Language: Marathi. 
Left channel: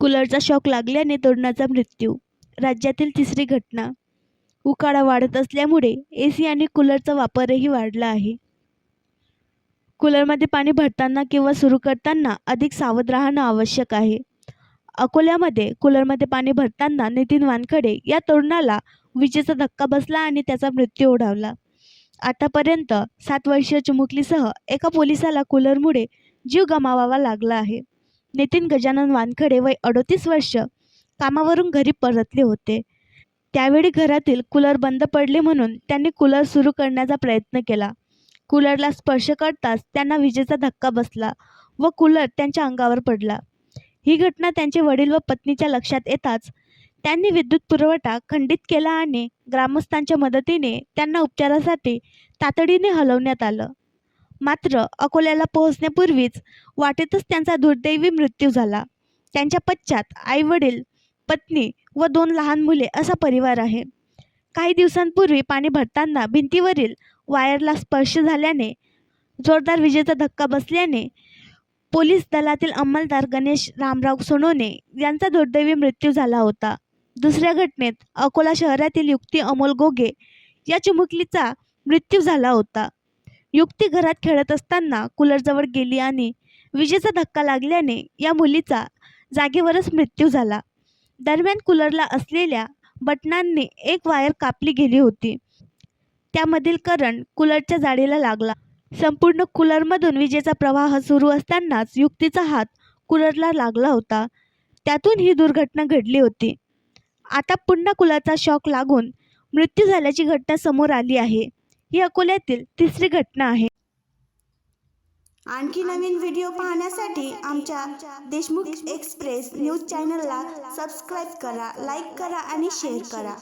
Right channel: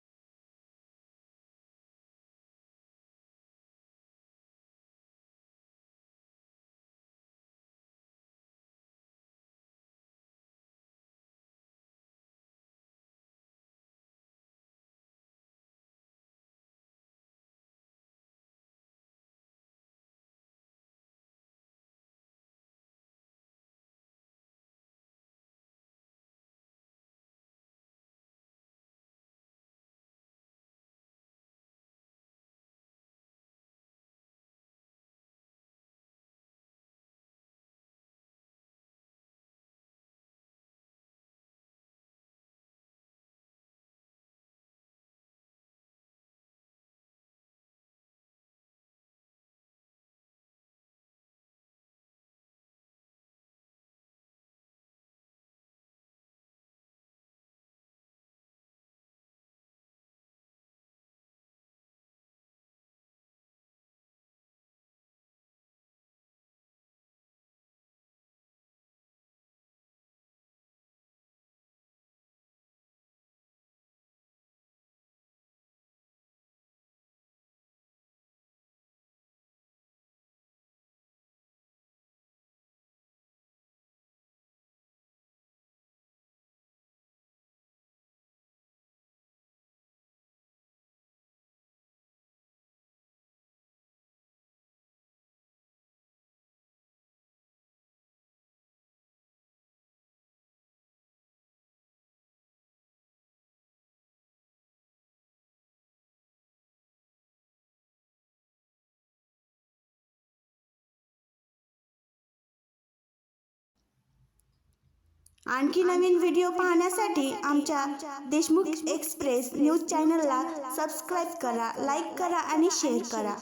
कूलरचा शॉक लागल्याने तरुणाचा मृत्यू. राज्यातील तिसरी घटना. उकाडा वाढत असल्यामुळे एसी आणि कूलरचा वापरही वाढला आहे. कूलरमध्ये पाणी भरताना किंवा सुरू करताना अधिक सावध राहणं आवश्यक आहे. अकोल्यामध्ये कूलरमध्ये पाणी भरताना नितीन वानखडे या तरुणाला विजेचा धक्का बसला आणि त्याचा मृत्यू ओढावला. आतापर्यंत 7 वर्षीय चिमुकलीसह एका पोलिसाला कूलरमुळे जीव गमावावा लागला आहे. नितीन गजानन वानखडे वय 38 वर्ष कामावरून घरी परतले होते. त्यावेळी घरातील कूलर बंद पडले म्हणून त्यांनी कूलर सुरू करण्याचा प्रयत्न केला. कूलरला स्पर्श करताच त्यांना विजेचा धक्का बसला व कूलर त्यांच्या अंगावर पडला. ही घटना त्यांचे वडील व पत्नीच्या लक्षात येताच त्यांनी विद्युत पुरवठा खंडित केला आणि ग्रामस्थांच्या मदतीने त्यांना उपचारासाठी तातडीने हलवण्यात आलं. मात्र अकोल्याला पोहोचण्यापूर्वीच वाटेतच त्यांचा दुर्दैवी मृत्यू झाला. त्यांच्या पश्चात आई-वडील, पत्नी व 2 लहान मुले असा परिवार आहे. काही दिवसांपूर्वी पाणी भरताना भिंतीवरील वायरला स्पर्श झाल्याने जोरदार विजेचा धक्का बसल्याने पोलीस दलातील अंमलदार गणेश रामराव सोनोने यांचा दुर्दैवी मृत्यू झाला होता. दुसऱ्या घटनेत अकोला शहरातील युक्ती अमोल गोगे या चिमुकलीचा मृत्यू झाला होता. युक्ती घरात खेळत असताना कूलरजवळ गेली आणि विजेचा धक्का लागल्याने या मुलीचा जागेवरच मृत्यू झाला. दरम्यान कूलरला असलेल्या बटनांनी एक वायर कापली गेली होती. त्यामधील करंट कूलरच्या जाळीला लागला. संपूर्ण कूलरमधून विजेचा प्रवाह सुरू असतानाच युक्तीचा हात कूलरला लागला होता. त्यातून ही दुर्घटना घडली होती. आता पुन्हा कूलरचा शॉक लागून मृत्यू झाल्याची घटना समोर आली आहे. ही अकोल्यातील तिसरी घटना आहे. आणखी नवीन व्हिडिओ पाहण्यासाठी आमच्या देशमुख एक्सप्रेस न्यूज चॅनलला सबस्क्राईब करा, लाईक करा आणि शेअर करा.